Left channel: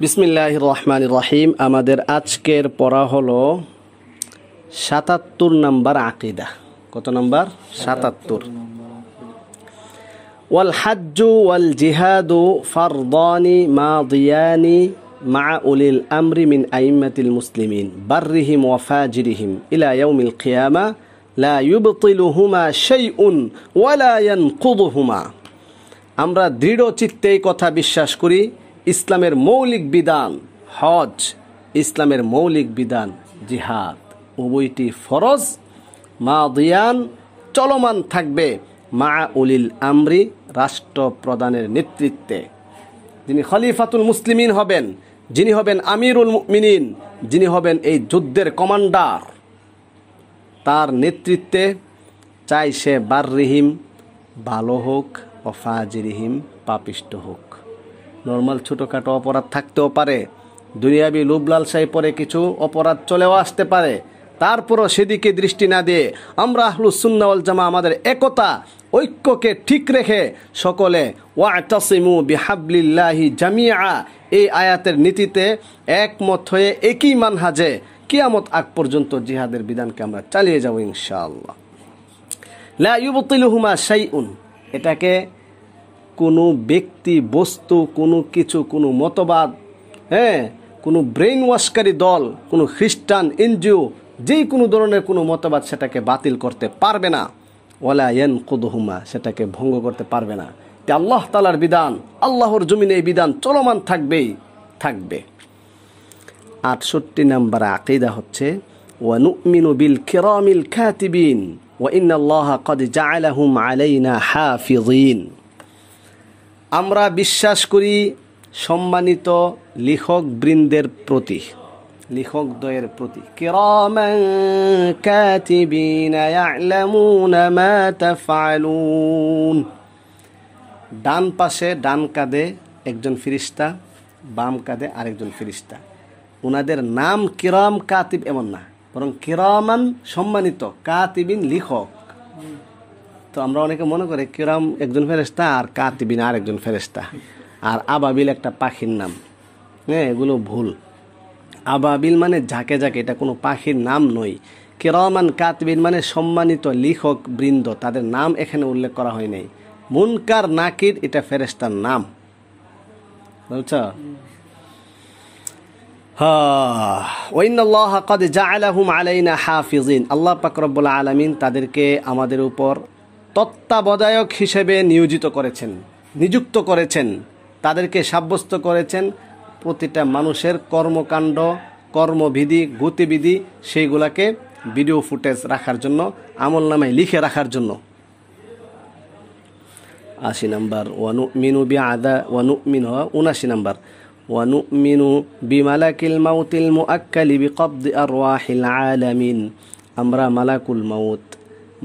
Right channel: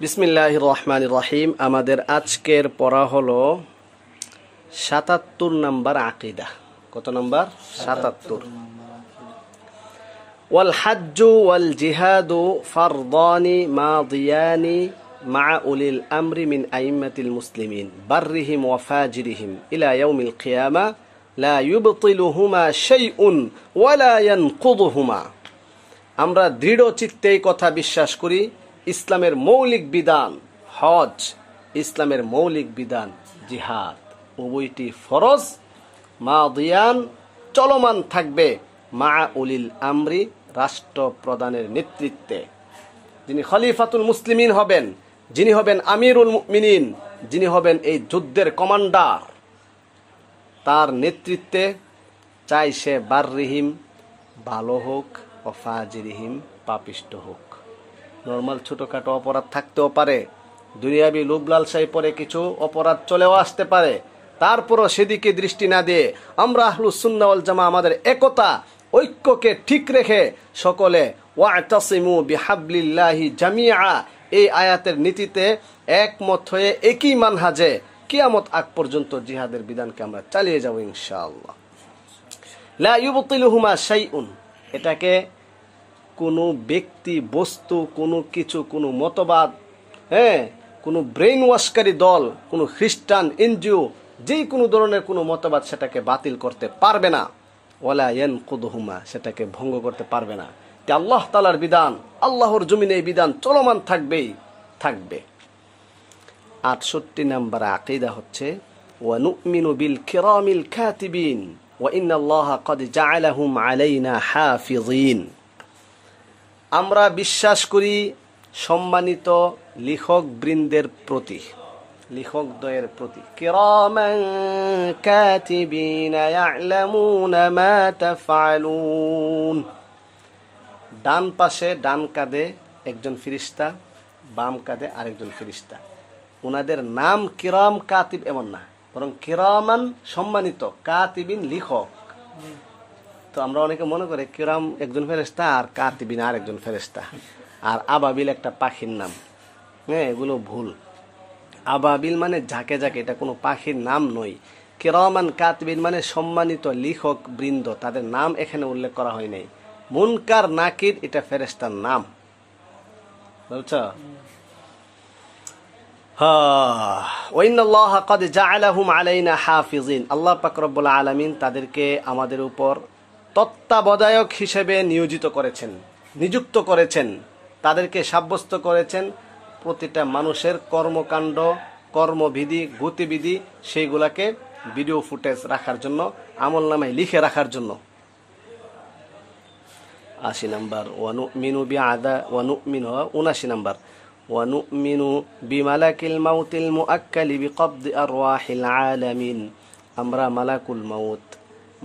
বিসমিল্লাহির রহমানির রহিম। আমাদের আজকের পড়া হলো ৭৭ নম্বর আকীদা। কত নম্বর? ৭৭। ওয়াল হাজ্জু ওয়াল জিহাদু ফারদানি মাদিয়ানি মা উলিল আমরি মিন আইম্মাতিল মুসলিমিন বাররিহিম ওয়া ফাজিরিহিম ইলা ইয়াউমিল কিয়ামা লা ইউবতিলুহুমা শাইউন ওয়া লা ইয়ানকুদুহুমা। আমরা দৃঢ় চিত্তে এই কথা বিশ্বাস করি, ইসলামের মৌলিক বিধান হজ, ইসলামের মৌলিক বিধান জিহাদ, উভয়টি ফরজ, মাদিয়ান চলমান থাকবে, মা উলিল আমরি রাষ্ট্রপ্রধানের নেতৃত্বে। যিনি খলিফাতুল মুসলিমিন হবেন, যিনি হবেন আমিরুল মুমিনিন, যিনি হবেন এই যুদ্ধের কমান্ডার, তার নেতৃত্বে, চাই সে বাররিহিম ভালো হোক ও ফাজিরিহিম পাপিষ্ট হোক। নর্মাল ছোটোখাটো অপরাধ থাকতেও পারে, দুনিয়াবি লোভ লালসায় পরে কিছু অপরাধ চলেও আসতে পারে, তারপরও সেদিকে দৃষ্টি না দিয়ে আমরা আহলুস সুন্নাহ ওয়াল জামাআহ আমাদের একতা ঐক্যকে ঠিক রেখে সকলে ওয়াতাসিমু বিহাবলিল্লাহি জামিআ এই আয়াতের নীতিতে একমত হয়ে একই মানহাজে কিয়ামত আগ পর্যন্ত জিহাদের বিধানকে আমরা চালিয়ে যাব ইনশাআল্লাহ। লা ইউবতিলুহুমা শাইউন, এটাকে কোনো ব্যক্তি বস্তু, কোনো কিছু, কোনো মতবাদ, কোনো ব্রেন ওয়াশকারী দল, কোনো খ্রিস্টান এনজিও, যেই কোনো ধরনের কোনো মতবাদ সেটাকে বাতিল করতে পারবে না। ওয়ালা ইয়ানকুদুহুমা, সেটাকে ভঙ্গ করতে পারবে না। এটা আল্লাহ তাআলার বিধান, আল্লাহর জমিনে এই বিধান চলমান থাকবেই থাকবে। ৬৮ নম্বর আকীদা হচ্ছে ওয়া নুমিনু বিল কিরামিল কাতিবিন ওয়া ইন্নাল্লাহা ক্বাদ জাআলাহুম আলাইনা হাফিযিন। আমরা বিশ্বাস করি সম্মানিত লেখক বৃন্দের প্রতি, লেখকদ্বয়ের প্রতি। কিরামান কাতিবিনা ইয়ালামুনা মা তাফআলুন। ডান পাশে, ডান কাঁধে একজন ফেরেশতা, বাম কাঁধে আরেকজন ফেরেশতা। ওনাদের নাম কিরাম কাতিব এমন না, বরং কিরামান সম্মানিত, কাতিবিন লেখক। তো আমরা অনেকে মনে করি কিরাম একজন ফেরেশতা আর কাতিবিন আর একজন ফেরেশতা, আর আবাবিল একটা পাখির নাম। এগুলো ভুল। আবাবিল মানে ঝাঁকে ঝাঁকে, এটা কোনো পাখির নাম নয়। কিরামান কাতিবিন মানে সম্মানিত লেখক বৃন্দ, তাদের নাম এখানে উল্লেখ করা হয় নাই। মুনকার নাকির এটা ফেরেশতার নাম, বুঝছ? ওয়াইনাল্লাহা ক্বাদ জাআলাহুম আলাইনা হাফিযিন। আল্লাহ পাক রব্বুল আলামিন তাদেরকে আমাদের উপর তত্ত্বাবধায়ক হিসেবে নিয়োজিত করেছেন, নিযুক্ত করেছেন, তাদেরকে সাব্যস্ত করেছেন প্রতিটা মানুষের কর্মকাণ্ড, কর্মবিধি, গতিবিধি সেইগুলাকে ভিডিও ফুটেজ রাখার জন্য, আমল নামায় লিখে রাখার জন্য। ৮০ নম্বর ওয়ানুমিনু বিআদা ওয়ানুমিনু ৭৯ নম্বর ওয়ানুমিনু বিমালাকিল মাউতিল মুআক্কালি বিকবদি আরওয়াহিল আলামিন। আমরা মালাকুল মাউত,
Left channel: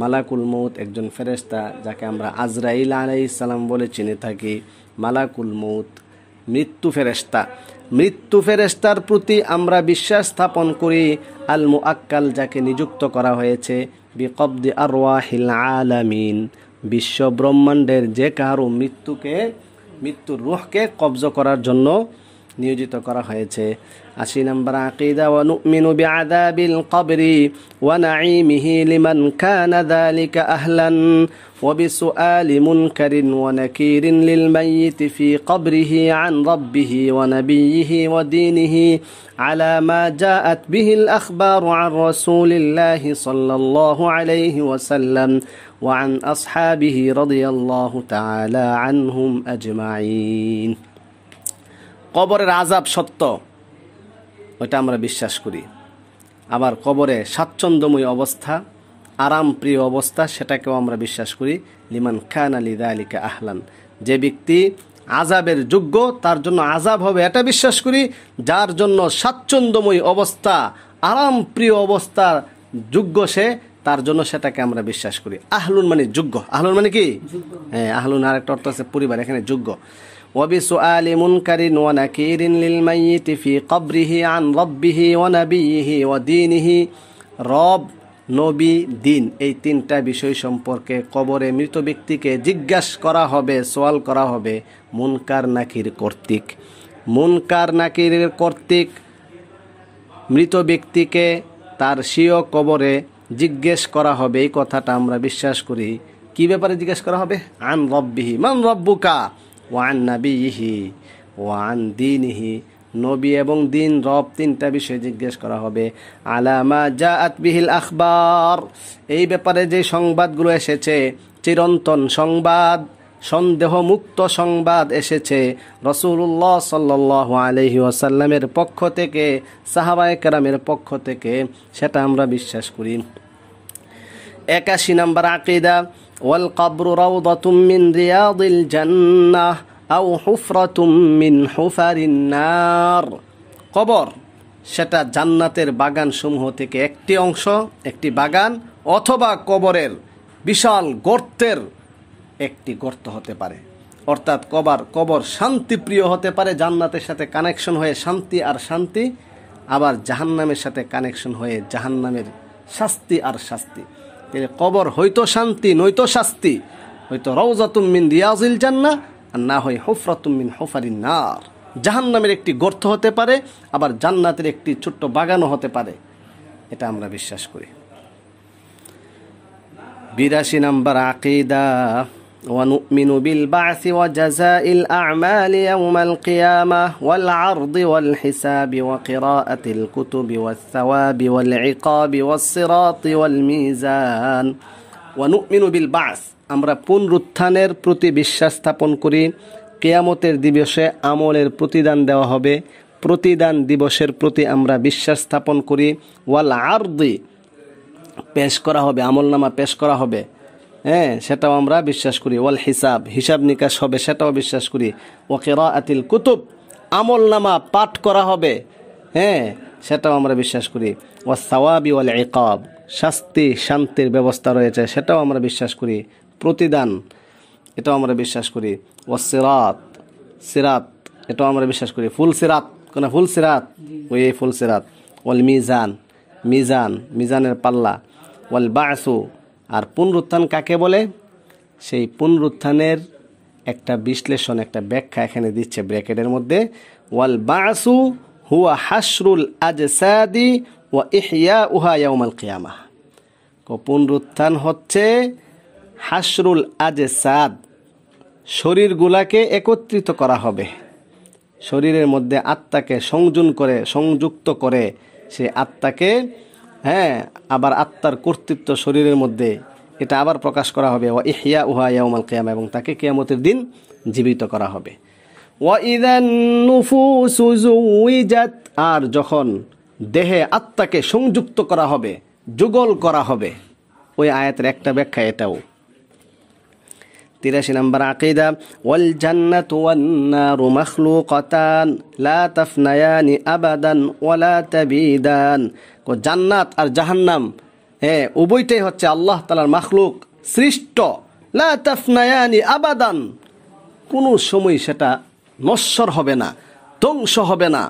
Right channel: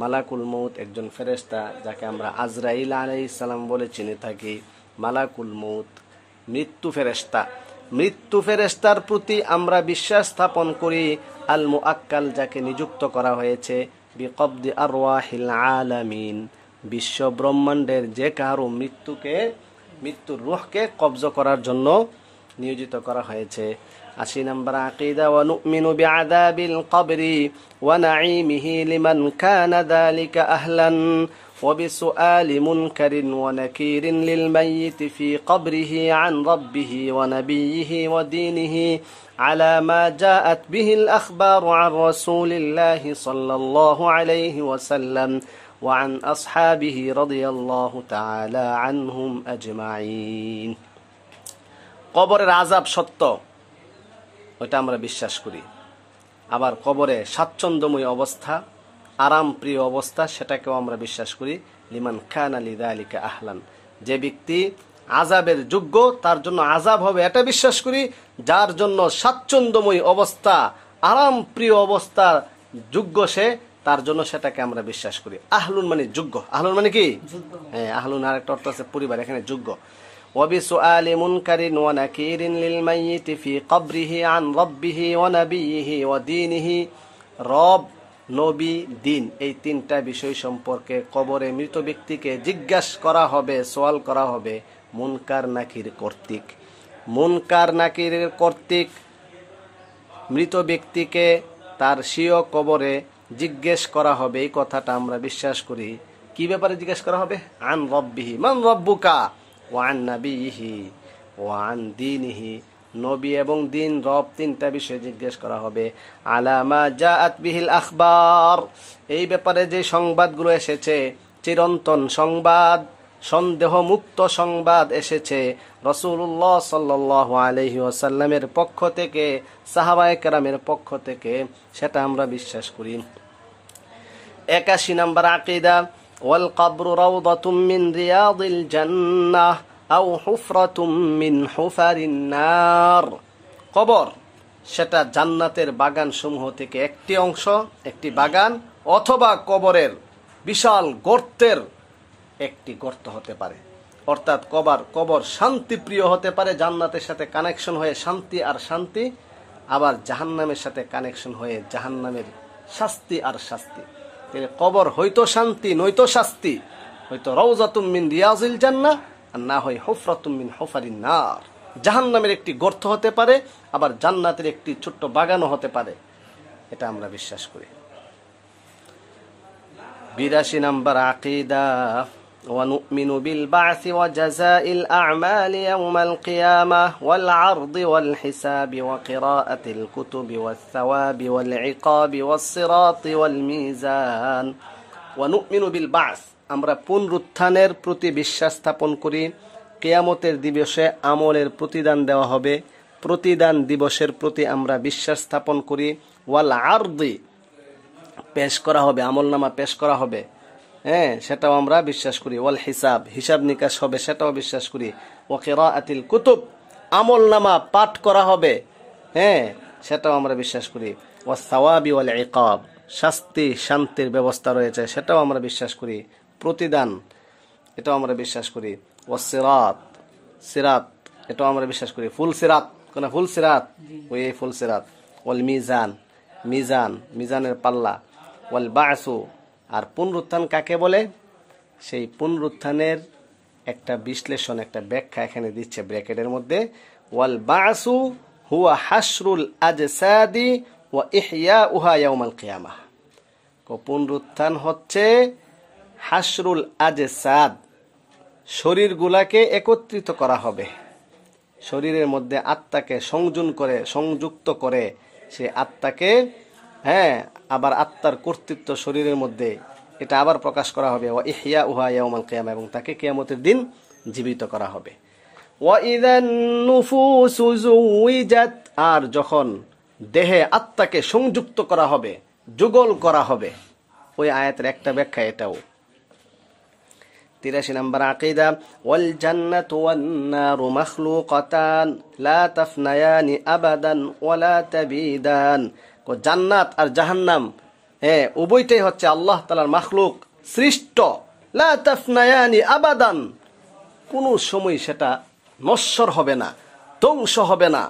মালাকুল মৌত একজন ফেরেশতা, যাকে আমরা আজরাইল আলাইহিস সালাম বলে চিনে থাকি। মালাকুল মৌত মৃত্যু ফেরেশতা, মৃত্যু ফেরেশতার প্রতি আমরা বিশ্বাস স্থাপন করি। আল মুআক্কাল, যাকে নিযুক্ত করা হয়েছে, বিকবদি আরওয়াহিল আলামিন, বিশ্ব ব্রহ্মাণ্ডের যে কারো মৃত্যুর রূহকে কবজ করার জন্য নিয়োজিত করা হয়েছে। ৮০ নম্বর আকীদা ওয়া নুমিনু বিআযাবিল কবরি ওয়া নাঈমিহি লিমান কানা যালিকা আহলান ওয়া বিসুআলি মুনকারিন ওয়া নাকিরিন লিল মাইয়িতি ফি কবরিহি আন রাব্বিহি ওয়া নাবিয়্যিহি ওয়া দীনিহি আলা মা জাআত বিহিল আখবারু আন রাসূলিল্লাহি সাল্লাল্লাহু আলাইহি ওয়া সাল্লাম ওয়া আন আসহাবিহি রাদিয়াল্লাহু তাআলা আনহুম আজমাইন। কবরের আযাব সত্য, ওইটা আমরা বিশ্বাস করি। আবার কবরে স্বাচ্ছন্দ্যময় অবস্থা, আরাম প্রিয় অবস্থা, সেটাকেও আমরা বিশ্বাস করি। লিমান কানা লিযালিকা আহলান, যে ব্যক্তি আযাবের যোগ্য তার জন্য আযাব হবে, এটা বিশ্বাস করি। যার জন্য স্বাচ্ছন্দ্যময় অবস্থা, আরাম প্রিয় অবস্থা যোগ্য সে, তার জন্য সেটাকে আমরা বিশ্বাস করি। আহলুন মানে যোগ্য। আহলুন মানে কি? আহলুন আর একটা অর্থ আছে পরিবার, এখানে যোগ্য। وبسؤال منكر ونكير للميت في قبره عن ربه ونبيه ودينه। রব, নবী, দিন, এই তিনটা বিষয় সম্পর্কে কবরে মৃত ব্যক্তিকে জিজ্ঞাসা করা হবে, সওয়াল করা হবে মুনকার নাকির কর্তৃক। মুনকার নাকিরের কর্তৃক মৃত ব্যক্তিকে তার স্বীয় কবরে জিজ্ঞেস করা হবে, এই কথাটা আমরা বিশ্বাস করি। কি ব্যাপারে জিজ্ঞেস করা হবে? আন রব্বিহি, মান রব্বুকা, ওয়া আন নাবিয়িহি ওয়া আন দীনিহি, নবী এবং দিন, রব, তিনটা বিষয়ে জিজ্ঞেস করা হবে। আলা মা জাআত বিহিল আখবার, এই ব্যাপারে যে সংবাদগুলো এসেছে, চিরন্তন সংবাদ, সন্দেহমুক্ত সংবাদ এসেছে রাসূলুল্লাহ সাল্লাল্লাহু আলাইহি ওয়াসাল্লামের পক্ষ থেকে, সাহাবায়ে কেরামের পক্ষ থেকে, সেটা আমরা বিশ্বাস করি। 81 নম্বর আকীদা, ওয়াল কবরু রাউদাতুম মিন রিয়াদিল জান্নাহ আও হুফরাতুম মিন হুফারিন নার, কবর সেটা জান্নাতের বাগান সমূহ থেকে একটি অংশ, একটি বাগান, অথবা কবরের বিশাল গর্তের একটি গর্ত হতে পারে। অর্থাৎ কবর শান্তিপ্রিয় হতে পারে, জান্নাতের সাথে কানেকশন হয়ে শান্তি আর শান্তি, আবার জাহান্নামের সাথে কানেকশন হয়ে জাহান্নামের শাস্তি আর শাস্তি। কবর হয়তো শান্তি নয়তো শাস্তি, হয়তো রাউযাতুম মিন রিয়াজিল জান্নাহ আর না হয় হুফরাতুম মিন হুফারিন নার, জাহান্নামের একটি গর্ত হতে পারে, আবার জান্নাতের একটি ছোট্ট বাগানও হতে পারে। এটা আমরা বিশ্বাস করি। 82 নম্বর আকীদা, ونؤمن بالبعث وجزاء الأعمال يوم القيامة والعرض والحساب وقراءة الكتب والثواب والعقاب والصراط والميزان। ونؤمن بالبعث, আমরা পুনরুত্থানের প্রতি বিশ্বাস স্থাপন করি। কিয়ামতের দিবসে আমলের প্রতিদান দেওয়া হবে, প্রতিদান দিবসের প্রতি আমরা বিশ্বাস স্থাপন করি। ওয়াল আরদি, পেশ করা হবে, আমলনামা পেশ করা হবে, হ্যাঁ, সেটাও আমরা বিশ্বাস করি। ওয়াল হিসাব, হিসাব নিকাশ হবে, সেটাও বিশ্বাস করি। ওয়া কিরাআতিল কুতুব, আমলনামা পাঠ করা হবে, হ্যাঁ, সেটাও আমরা বিশ্বাস করি। ওয়াস সাওয়াবি ওয়াল ইকাব, শাস্তি শান্তির ব্যবস্থা রয়েছে, সেটাও আমরা বিশ্বাস করি। প্রতিদান, এটাও আমরা বিশ্বাস করি। ওয়াস সিরাত, সিরাত, এটাও আমরা বিশ্বাস করি। ফুল সিরাত, কোন ফুল সিরাত? ওই ফুল সিরাত। ওয়াল মিজান, মিজান, মিজানের পাল্লা। ওয়াল বাসু, আর পুনরুত্থান কাকে বলে, সেই পুনরুত্থানের একটা বিশ্লেষণ, একটা ব্যাখ্যা এখানে দিচ্ছে ব্র্যাকেটের মধ্যে। ওয়াল বাসু হুয়া হাশরুল আজসাদি ওয়া ইহয়াউহা ইয়াউমাল কিয়ামাহ, পুনরুত্থান হচ্ছে হাশরুল আজসাদ, শরীরগুলাকে একত্রিত করা হবে, শরীরের মধ্যে আত্মাকে সংযুক্ত করে সে আত্মাকে, হ্যাঁ, আবার আত্মার কর্তৃত্ব শরীরের মধ্যে, এটা আবার প্রকাশ করা হবে। ওয়া ইহয়াউহা ইয়াউমাল কিয়ামা, এবং তাকে কিয়ামতের দিন জীবিত করা হবে। ওয়া ইযান নুফুসু যুওয়িজাত, আর যখন দেহে আত্মাকে সংযুক্ত করা হবে, যুগল করা হবে। ওই আয়াতের একটা ব্যাখ্যা এটাও। 83 নম্বর আকীদা, ওয়াল জান্নাতু ওয়ান নারু মাখলুকাতান লা তাফনায়ানি আবাদান ওয়া লা তাবিদান, জান্নাত আর জাহান্নাম, হ্যাঁ, উভয়টাই হচ্ছে আল্লাহ তাআলার মাখলুক, সৃষ্ট। লা তাফনায়ানি আবাদান, কোনো সময় সেটা নশ্বর হবে না, ধ্বংস হবে না।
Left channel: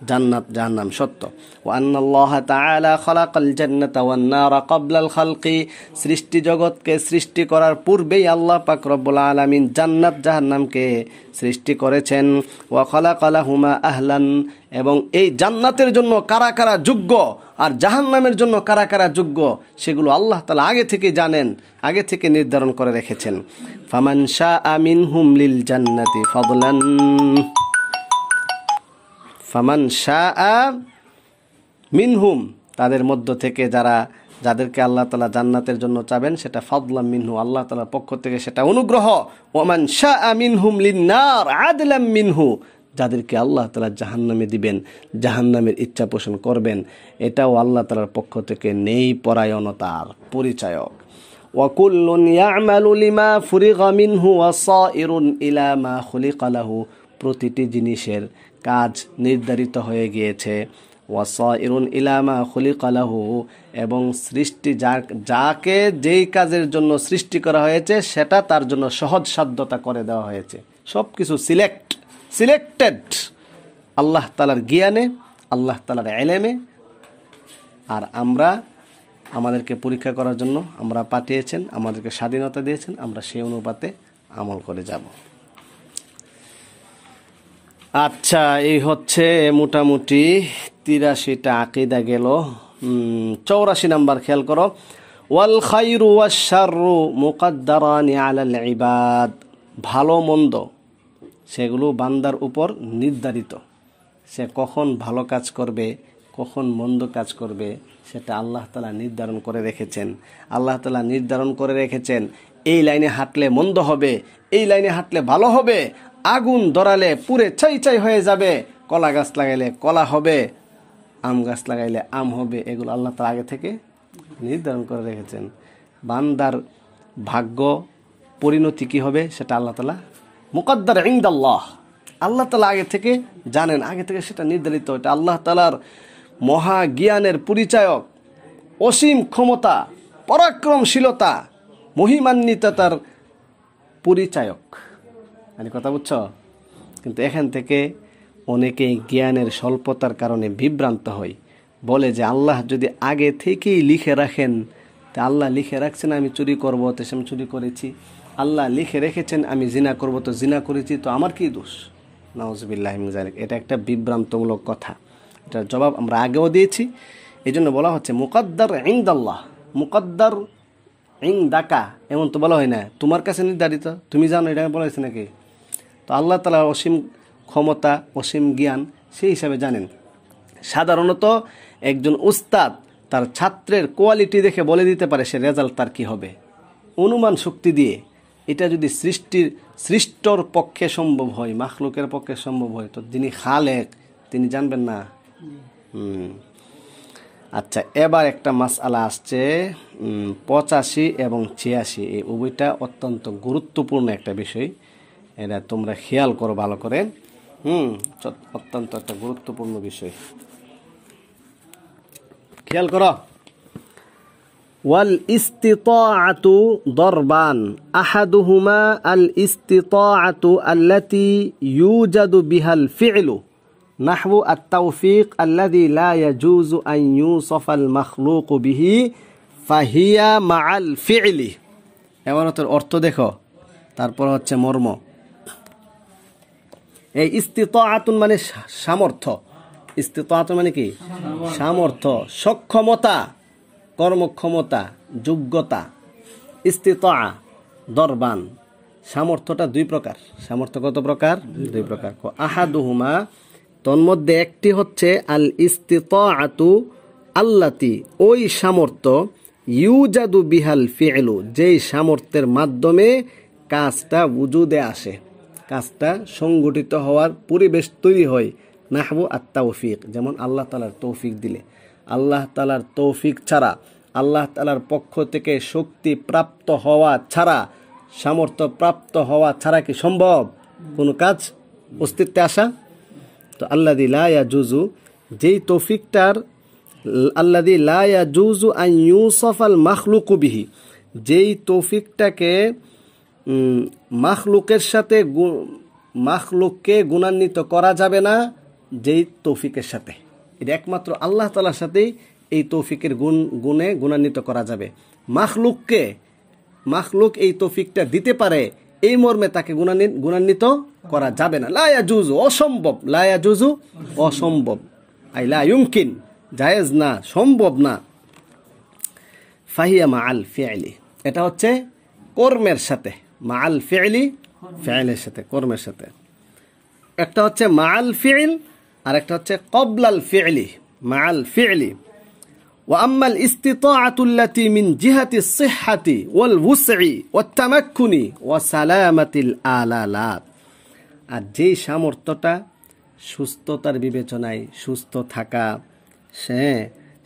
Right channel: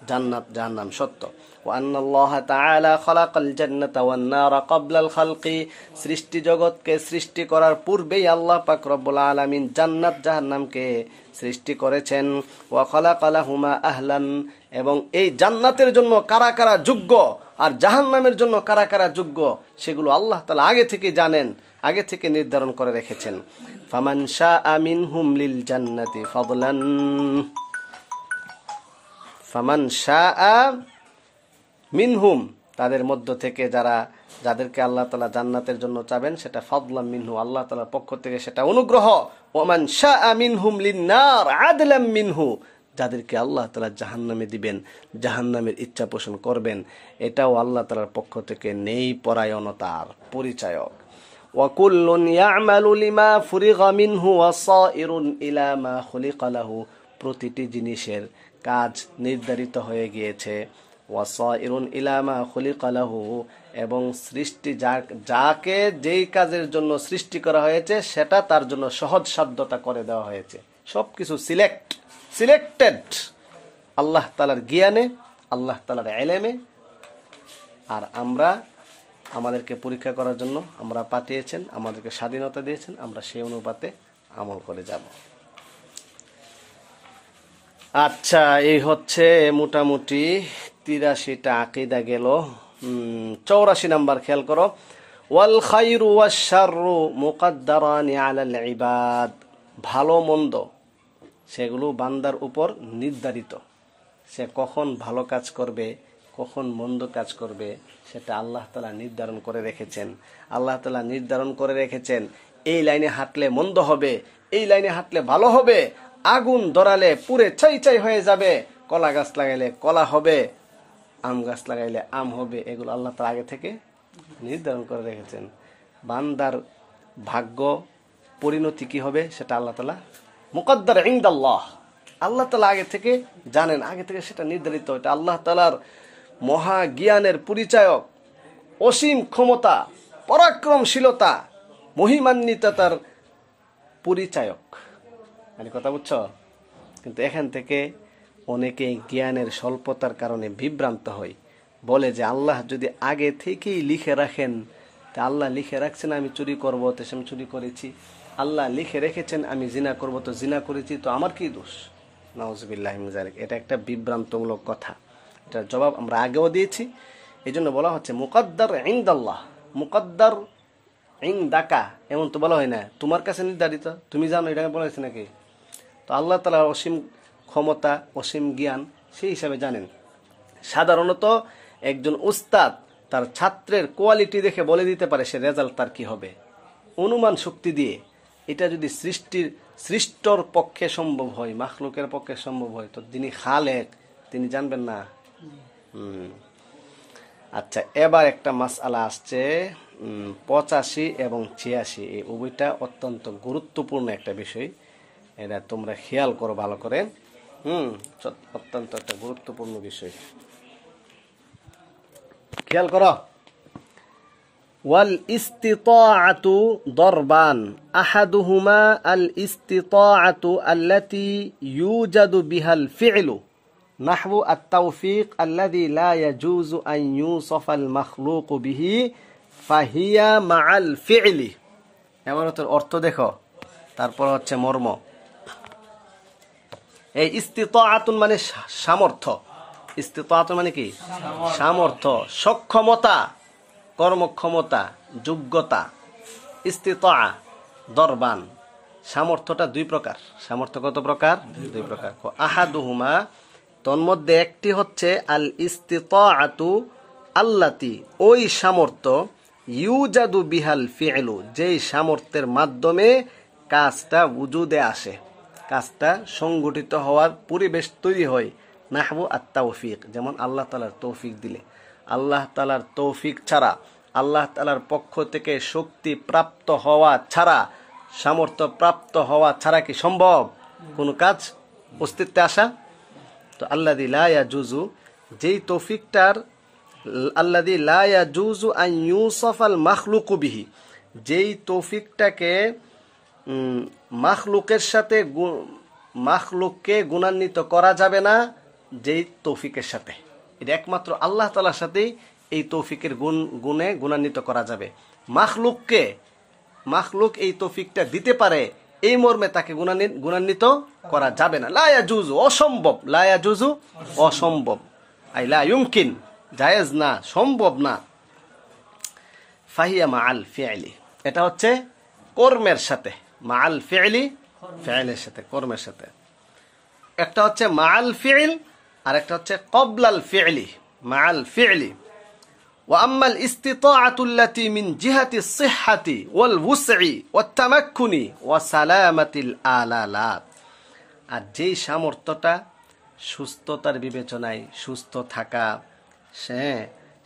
জান্নাত জাহান্নাম সত্য। ওয়া আন্নাল্লাহ তাআলা খালাকাল জান্নাতা ওয়ান নারা ক্বাবলাল খালকি, সৃষ্টি জগৎকে সৃষ্টি করার পূর্বেই আল্লাহ পাক রব্বুল আলামিন জান্নাত জাহান্নামকে সৃষ্টি করেছেন। ওয়া খালাকা লাহুমা আহলান, এবং এই জান্নাতের জন্য কারা কারা যোগ্য আর জাহান্নামের জন্য কারা কারা যোগ্য, সেগুলো আল্লাহ তাআলা আগে থেকে জানেন, আগে থেকে নির্ধারণ করে রেখেছেন। ফামান শাআ মিনহুম লিল জান্নাতি ফাদলান, ফামান শাআ মিনহুম, তাদের মধ্য থেকে যাদেরকে আল্লাহ তাআলা জান্নাতের জন্য চাবেন, সেটা ফাদলাম মিনহু, আল্লাহ তাআলার পক্ষ থেকে সেটা অনুগ্রহ। ওয়ামান শাআ মিনহুম লিন-নার আদলাম মিনহু, যাদেরকে আল্লাহ তাআলা জাহান্নামে দিবেন, জাহান্নামের ইচ্ছা পোষণ করবেন, এটাও আল্লাহ তাআলার পক্ষ থেকে নেই পরায়ণতার পরিচায়ক। ওয়া কুল্লুন ইয়ামালু লিমা ফুরিগা মিনহু ওয়া সাইরুন ইলা মা খুলিকা লাহু, প্রতিটি জিনিসের কাজ নির্ধারিত হয়ে গিয়েছে। ওয়া সাইরুন ইলা মা খুলিকা লাহু, এবং সৃষ্টি যাকে যেই কাজের জন্য সৃষ্টি করা হয়েছে সেটা তার জন্য সহজ সাধ্যতা করে দেওয়া হয়েছে। সবকিছু সিলেক্টেড আল্লাহ তাআলার জ্ঞানে, আল্লাহ তাআলার ইলমে। আর আমাদেরকে পরীক্ষা করার জন্য আমরা পাঠিয়েছেন, আমাদেরকে স্বাধীনতা দিয়েছেন, আমরা সেই অনুপাতে আমল করে যাব। আচ্ছা, এই হচ্ছে মোটামুটি 83টা আকীদা গেল। 84 নাম্বার খেয়াল করো, ওয়াল খায়রু ওয়াশ শাররু মুকদ্দারানি আলাল ইবাদ। ভালো মন্দ সেগুলো বান্দার উপর নির্ধারিত। সে কখন ভালো কাজ করবে, কখন মন্দ কাজ করবে, সেটা আল্লাহ তাআলা নির্ধারণ করে রেখেছেন। আল্লাহ তাআলা নির্ধারণ করে রেখেছেন এই লাইনে হাঁটলে মন্দ হবে, এই লাইনে হাঁটলে ভালো হবে, আগুন ধরালে পুড়ে ছাই ছাই হয়ে যাবে, কলা গাছ লাগাইলে কলা হবে, আম গাছ লাগাইলে আম হবে। এগুলো আল্লাহ তাআলা আগে থেকে নির্ধারণ করে রেখেছেন। বান্দার ভাগ্য পরিণতি কি হবে সেটা আল্লাহ তাআলা মুকদ্দার ইনদাল্লাহ, আল্লাহ তাআলা আগে থেকে জানেন, আগে থেকে সেটা নির্ধারিত। এটা আল্লাহ তাআলার মহা জ্ঞানের পরিচায়ক, অসীম ক্ষমতা, পরাক্রমশীলতা, মহিমান্বিততার পরিচায়ক। মানে কথা বুঝছো? কিন্তু এখান থেকে অনেকে জ্ঞানের স্বল্পতার কারণে বিভ্রান্ত হয়, বলে যে আল্লাহ যদি আগে থেকেই লিখে রাখেন, তা আল্লাহ লিখে রাখছেন আমি চুরি করব, তো আমি চুরি করেছি। আল্লাহ লিখে রেখেছেন আমি জিনা করব, তো জিনা করেছি, তো আমার কি দোষ? নাউজুবিল্লাহি মিন যালিক। এটা একটা বিভ্রান্তমূলক কথা। এটার জবাব আমরা আগেও দিয়েছি। এই জন্য বলা হচ্ছে মুকদ্দার ইনদাল্লাহ। মুকদ্দার ইনদাকা এমন তো বলা হয় না, তোমার কাছে নির্ধারিত, তুমি জানো, এটা বলা হয়েছে নাকি? তো আল্লাহ তাআলার অসীম ক্ষমতা, অসীম জ্ঞান, সেই হিসাবে জানেন। সাধারণত একজন উস্তাদ তার ছাত্রের কোয়ালিটি দেখে বলে দিতে পারে সে রেজাল্ট তার কি হবে, অনুমান শক্তি দিয়ে। এটা যদি সৃষ্টর পক্ষে সম্ভব হয়, মাখলুকের পক্ষে সম্ভব হয়, তো যিনি খালেক তিনি জানবেন না? আচ্ছা, এবার একটা মাসআলা আসছে 85 এবং 86। এই উভয়টা অত্যন্ত গুরুত্বপূর্ণ একটা বিষয়, এটা তোমরা খেয়াল করো ভালো করে। অত্যন্ত একটা গুরুত্বপূর্ণ বিষয়, খেয়াল করো। ওয়াল ইস্তিতাআতু দরবান, আহাদুহুমা আল ইস্তিতাআতু আল্লাতী ইউজাদু বিহাল ফি'লু নাহবু আত-তাওফীক আল্লাযী লা ইয়াজুজু আন ইউসাফাল মাখলুকু বিহি ফাহিয়া মাআল ফি'লি। এবার অর্থ দেখো, তারপর হচ্ছে মর্ম। এই ইস্তিতাআতুন মানে সামর্থ্য। ইস্তিতাআতুন মানে কি? সামর্থ্য, সক্ষমতা, কর্মক্ষমতা, যোগ্যতা। ইস্তিতাআ দরবান, সামর্থ্যটা দুই প্রকার। সামর্থ্য কত প্রকার? দুই প্রকার। আহাদুহুমা, তন্মধ্যে একটি হচ্ছে আল ইস্তিতাআতু আল্লাতি, ওই সামর্থ্য, ইউজাদু বিহাল ফি'লু, যেই সামর্থ্যের মাধ্যমে কাজটা উজুদে আসে, কাজটা সংগঠিত হওয়ার পরিবেশ তৈরি হয়। নাহবু আত-তাওফীক, যেমন আল্লাহ তাআলার তৌফিক দিলে। আল্লাহ তাআলার তৌফিক ছাড়া, আল্লাহ তাআলার পক্ষ থেকে শক্তি প্রাপ্ত হওয়া ছাড়া, সামর্থ্য প্রাপ্ত হওয়া ছাড়া কি সম্ভব কোনো কাজ অস্তিত্বে আসা? তো আল্লাযী লা ইয়াজুজু, যেই তৌফিকটার, আল্লাযী লা ইয়াজুজু আন ইউসাফাল মাখলুকু বিহি, যেই তৌফিকটাকে মাখলুকের সাথে, মাখলুককে গুণান্বিত করা যাবে না যেই তৌফিকের সাথে। এটা একমাত্র আল্লাহ তাআলার সাথেই এই তৌফিকের গুণে গুণান্বিত করা যাবে। মাখলুক এই তৌফিকটা দিতে পারে, এই মর্মে তাকে গুণান্বিত করা যাবে না। লা ইয়াজুজু, অসম্ভব। লা ইয়াজুজু, অসম্ভব। আই লা ইউমকিন, জায়েজ না, সম্ভব না। ফাহিয়া মাআল ফি'লি, এটা হচ্ছে কর্মের সাথে। মাআল ফি'লি, ফি'লের সাথে, কর্মের সাথে। একটা হচ্ছে মাআল ফি'ল, আর একটা হচ্ছে ক্বাবলাল ফি'লি। মাআল ফি'লি। ওয়া আম্মাল ইস্তিতাআতু আল্লাতী মিন জিহাতি সিহহাতি ওয়াল ওয়ুসঈ ওয়াত তামাক্কুনি ওয়া সালামাতিল আলালাত, আর যেই সামর্থ্যটা সুস্থতার বিবেচনায়, সুস্থ থাকা,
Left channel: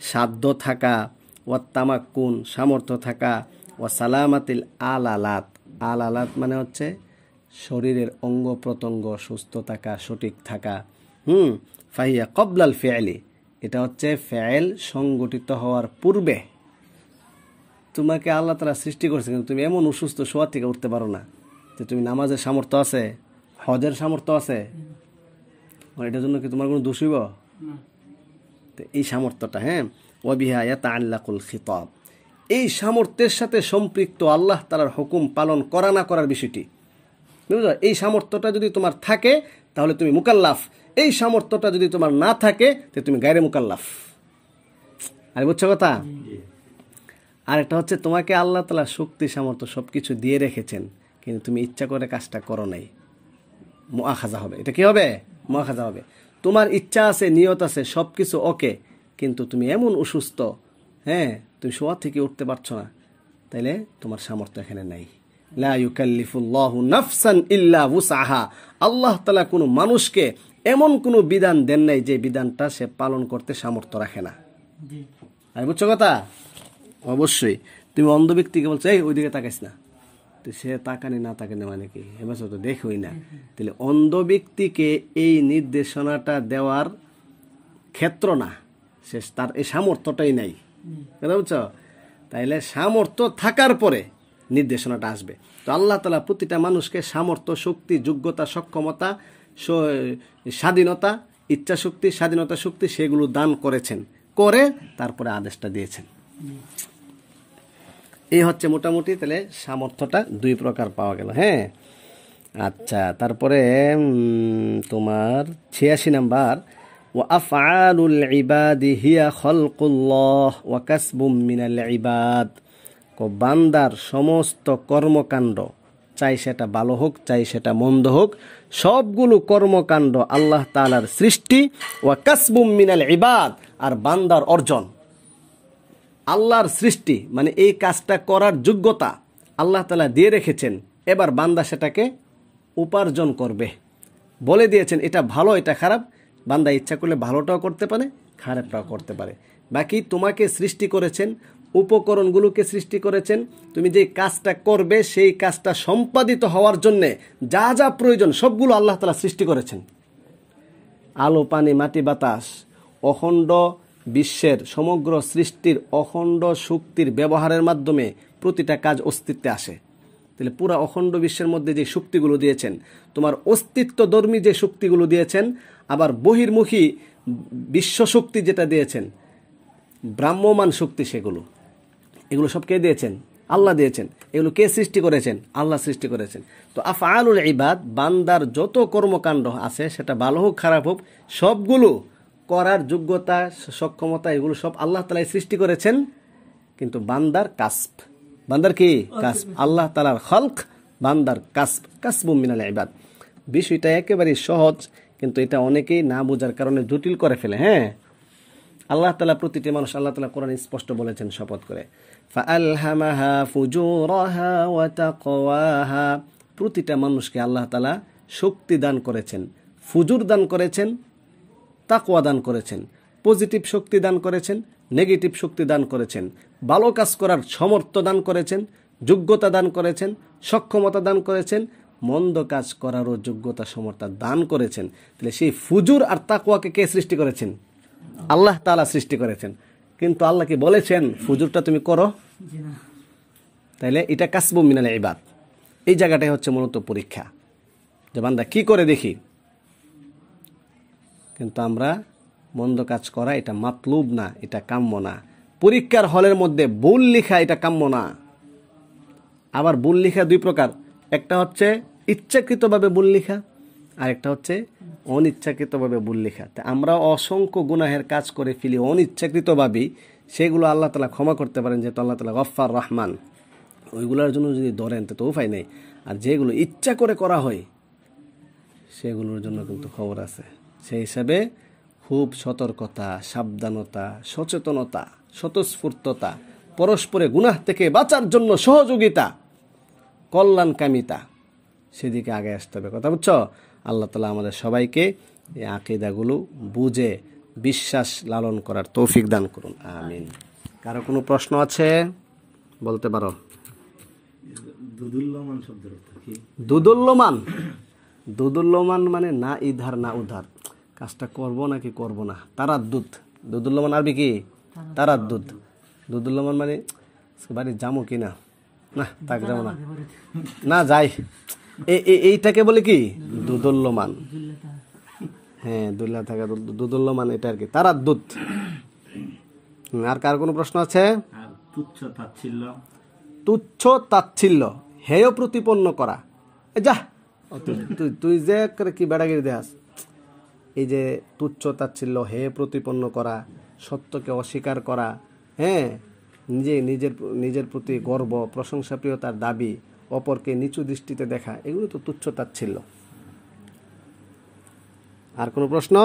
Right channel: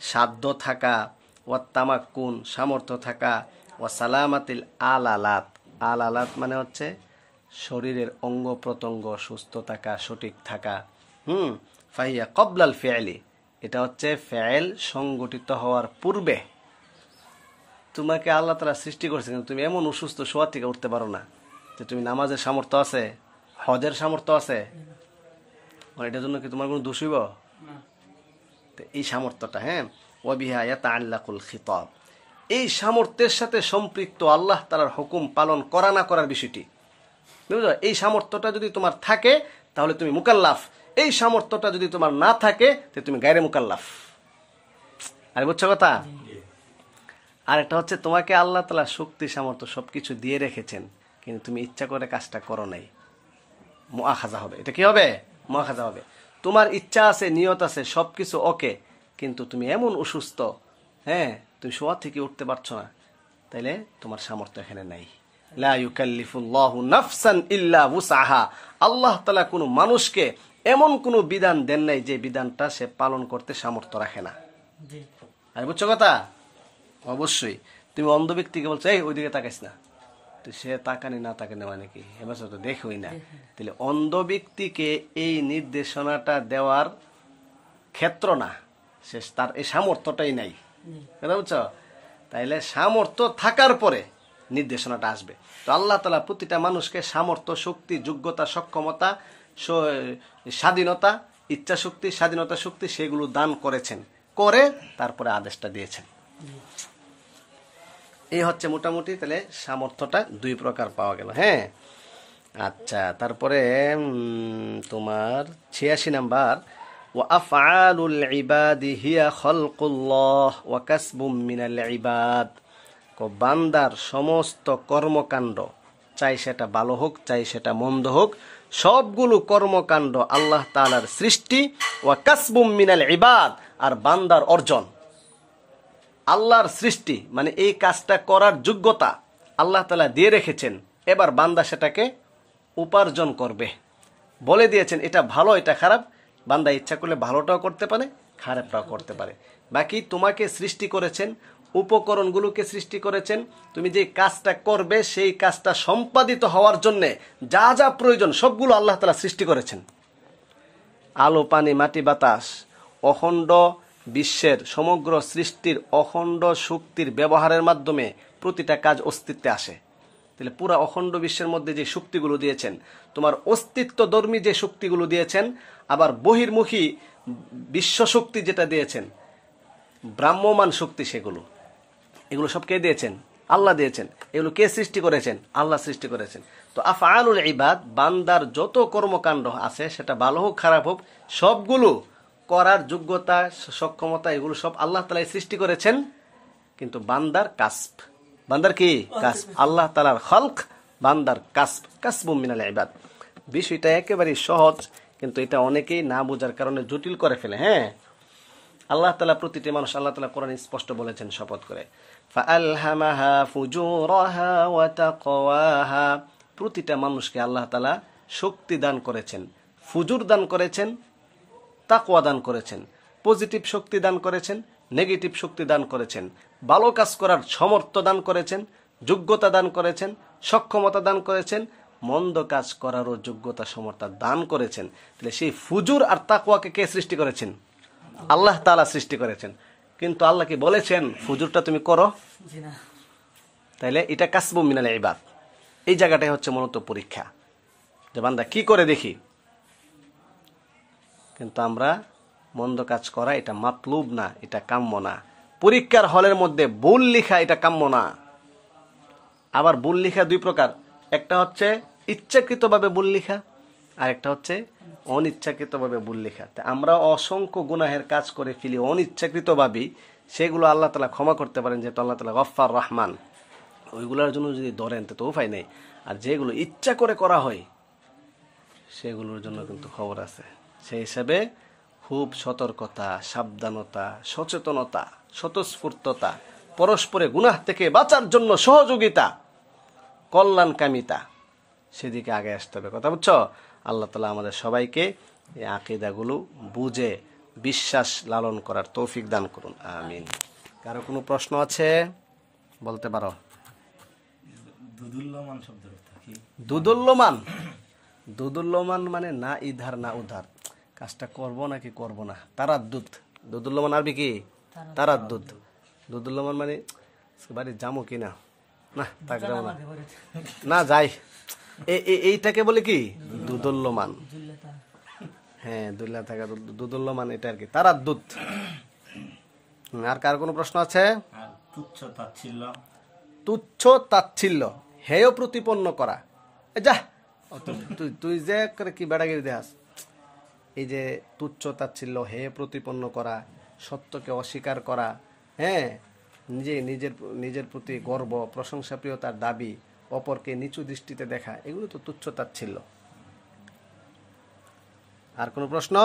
সাধ্য থাকা, ওয়াত তামাক্কুন, সামর্থ্য থাকা, ওয়া সালামাতিল আলালাত, আলালাত মানে হচ্ছে শরীরের অঙ্গ প্রত্যঙ্গ সুস্থ থাকা, সঠিক থাকা। ফাহিয়া ক্বাবলাল ফি'লি, এটা হচ্ছে ফেল সংগঠিত হওয়ার পূর্বে। তোমাকে আল্লাহ তাআলা সৃষ্টি করেছেন, তুমি এমন অসুস্থ, শোয়া থেকে উঠতে পারো না, যে তুমি নামাজের সামর্থ্য আছে, হজের সামর্থ্য আছে, এটার জন্য কি তোমার কোনো দোষ হইব? তো এই সামর্থ্যটা, ওয়া বিহা ইয়াতাআল্লাকুল খিতাব, এই সামর্থ্যের সাথে সম্পৃক্ত আল্লাহ তাআলার হুকুম পালন করা না করার বিষয়টি। বুঝলো? এই সামর্থ্যটা যদি তোমার থাকে, তাহলে তুমি মুকাল্লাফ। এই সামর্থ্যটা যদি তোমার না থাকে তাহলে তুমি গায়রে মুকাল্লাফ। আর বুঝছো কথা? আর একটা হচ্ছে তোমাকে আল্লাহ তাআলা শক্তি সামর্থ্য সবকিছু দিয়ে রেখেছেন, কিন্তু তুমি ইচ্ছা করে কাজটা করো নাই, মুআখাযা হবে। এটা কি হবে? মুআখাযা হবে। তোমার ইচ্ছা আছে, নিয়ত আছে, সবকিছু ওকে, কিন্তু তুমি এমন অসুস্থ, হ্যাঁ, তুমি শোয়া থেকে উঠতে পারছো না, তাইলে তোমার সামর্থ্য এখানে নাই। লা ইউকাল্লিফুল্লাহু নাফসান ইল্লা উসআহা। আল্লাহ তাআলা কোনো মানুষকে এমন কোনো বিধান দেন নাই যে বিধানটা সে পালন করতে সামর্থ্য রাখে না। আর বুঝছো কথা? অবশ্যই। তুমি অন্ধ ব্যক্তিকে বলছো এই ওইদিকে তাকাইস না, তো সে তাকানি না তাকানি মানে কি, এবার তো দেখোই না। তাহলে অন্ধ ব্যক্তিকে এই নির্দেশনাটা দেওয়ার ক্ষেত্র না, সে তার এই সামর্থ্যটাই নাই, বুঝছো? তাইলে সামর্থ্য থাকার পরে নির্দেশনাটা আসবে। তো আল্লাহ তাআলা প্রতিটা মানুষকে সামর্থ্য, শক্তি, যোগ্যতা, সক্ষমতা, স্বাধীনতা, ইচ্ছা শক্তি, স্বাধীনতা শক্তি সেগুলো দান করেছেন, করে তারপরে আদেশটা দিয়েছেন। এই হচ্ছে মোটামুটি তাহলে সামর্থ্যটা দুই প্রকার পাওয়া গেল। হ্যাঁ, আচ্ছা, তারপরে তোমার 86 নাম্বার, ওয়া আফআলুল ইবাদি হিয়া খালকুল্লাহ ওয়া কাসবুম মিনাল ইবাদ। বান্দার সমস্ত কর্মকাণ্ড, চাই সেটা ভালো হোক চাই সেটা মন্দ হোক, সবগুলো কর্মকাণ্ড আল্লাহ তাআলার সৃষ্টি, ওয়া কাসবুম মিনাল ইবাদ, আর বান্দার অর্জন। আল্লাহর সৃষ্টি মানে এই কাজটা করার যোগ্যতা আল্লাহ তাআলা দিয়ে রেখেছেন, এবার বান্দা সেটাকে উপার্জন করবে। বলে দিয়েছেন এটা ভালো এটা খারাপ, বান্দা ইচ্ছা করলে ভালোটাও করতে পারে খারাপটাও করতে পারে। বাকি তোমাকে সৃষ্টি করেছেন, উপকরণগুলোকে সৃষ্টি করেছেন, তুমি যে কাজটা করবে সেই কাজটা সম্পাদিত হওয়ার জন্য যা যা প্রয়োজন সবগুলো আল্লাহ তাআলা সৃষ্টি করেছেন। আলো, পানি, মাটি, বাতাস, অখণ্ড বিশ্বের সমগ্র সৃষ্টির অখণ্ড শক্তির ব্যবহারের মাধ্যমে প্রতিটা কাজ অস্তিত্বে আসে। তাহলে পুরা অখণ্ড বিশ্বের মধ্যে যে শক্তিগুলো দিয়েছেন, তোমার অস্তিত্বধর্মী যে শক্তিগুলো দিয়েছেন, আবার বহির্মুখী বিশ্ব শক্তি যেটা দিয়েছেন, ব্রাহ্মমান শক্তি, এগুলো সব কে দিয়েছেন? আল্লাহ দিয়েছেন। এগুলো কে সৃষ্টি করেছেন? আল্লাহ সৃষ্টি করেছেন। তো আফআলুল ইবাদ, বান্দার যত কর্মকাণ্ড আছে সেটা ভালো হোক খারাপ হোক, সবগুলো করার যোগ্যতা, সক্ষমতা, এগুলো সব আল্লাহ তাআলাই সৃষ্টি করেছেন। কিন্তু বান্দার কাসব, বান্দার কি কাসব? আল্লাহ তাআলার খালক, বান্দার কাসব, কাসবুম মিনাল ইবাদ। বিষয়টা একেবারে সহজ, কিন্তু এটা অনেকেই না বোঝার কারণে জটিল করে ফেলে। হ্যাঁ, আল্লাহ তাআলা প্রতিটি মানুষ, আল্লাহ তাআলা কোরআনে স্পষ্ট বলেছেন শপথ করে, ফাআলহামাহা ফুজুরাহা ওয়া তাকওয়াহা। প্রতিটা মানুষকে আল্লাহ তাআলা শক্তি দান করেছেন, ফুজুর দান করেছেন, তাকওয়া দান করেছেন, পজিটিভ শক্তি দান করেছেন, নেগেটিভ শক্তি দান করেছেন, ভালো কাজ করার সামর্থ্য দান করেছেন, যোগ্যতা দান করেছেন, সক্ষমতা দান করেছেন, মন্দ কাজ করারও যোগ্যতা সমর্থ দান করেছেন। তাহলে সেই ফুজুর আর তাকওয়াকে কে সৃষ্টি করেছেন? আল্লাহ তাআলা সৃষ্টি করেছেন। কিন্তু আল্লাহ কি বলেছেন ফুজুরটা তুমি করো? তাইলে এটা কাসবুম মিনাল ইবাদ। এই জায়গাটাই হচ্ছে মূলত পরীক্ষা, যে বান্দা কি করে দেখি। কিন্তু আমরা মন্দ কাজ করা এটা মাতলুব না, এটা কাম্য না। পরীক্ষার হলের মধ্যে ভুল লেখা এটা কাম্য না। আবার ভুল লেখা দুই প্রকার, একটা হচ্ছে ইচ্ছাকৃতভাবে ভুল লেখা, আর একটা হচ্ছে অনিচ্ছাকৃতভাবে ভুল লেখা। আমরা অসংখ্য গুনাহের কাজ করে ফেলি অনিচ্ছাকৃতভাবেই, সেগুলো আল্লাহ তাআলা ক্ষমা করতে পারেন, যেহেতু আল্লাহ তাআলা গফফার রহমান। ওইগুলোর জন্য যদি ধরেন তো উপায় নেই। আর যেগুলো ইচ্ছা করে করা হয় সেগুলোর জন্য কিন্তু খবর আছে। সেই হিসাবে খুব সতর্কতা, সাবধানতা, সচেতনতা, স্বতঃস্ফূর্ততা, পরস্পরে গুনাহ থেকে বাঁচার জন্য সহযোগিতা, কল্যাণকামিতা, সেদিকে আগে আসতে হবে। কথা বুঝছো? আল্লাহ তাআলা আমাদের সবাইকে এই আকীদাগুলো বুঝে বিশ্বাস লালন করার তৌফিক দান করুন, আমিন। কারো কোনো প্রশ্ন আছে বলতে পারো। দুদুল্যমান শব্দের অর্থ কি? দুদুল্যমান, দুদুল্যমান মানে না ইধার না উধার, কাজটা করব নাকি করব না, তারাদ্দুদ। দুদুল্যমান আরবি কি? তারাদ্দুদ। দুদুল্যমান মানে বাড়ি যাবো কি না, না তাক যাবো না, না যাই, এইটাকে বলে কি? দুদুল্যমান। হ্যাঁ, দুল্লা থাকা দুদুল্যমান, এটা আর কি তারাদ্দুদ। আর কার কোনো প্রশ্ন আছে? তুচ্ছ তাচ্ছিল্য, তুচ্ছ তাচ্ছিল্য, হেয় প্রতিপন্ন করা, যা তুই যে করে কি বেড়াগিরি দেখাস, এই যে তুচ্ছ তাচ্ছিল্য, হে প্রতিপন্ন করা, সত্যকে অস্বীকার করা, হ্যাঁ, নিজের প্রতি গর্ব, প্রশংসাপ্রিয়তার দাবি, অপরকে নিচু দৃষ্টিতে দেখা, এগুলো তো তুচ্ছ তাচ্ছিল্য। আর কোনো প্রশ্ন?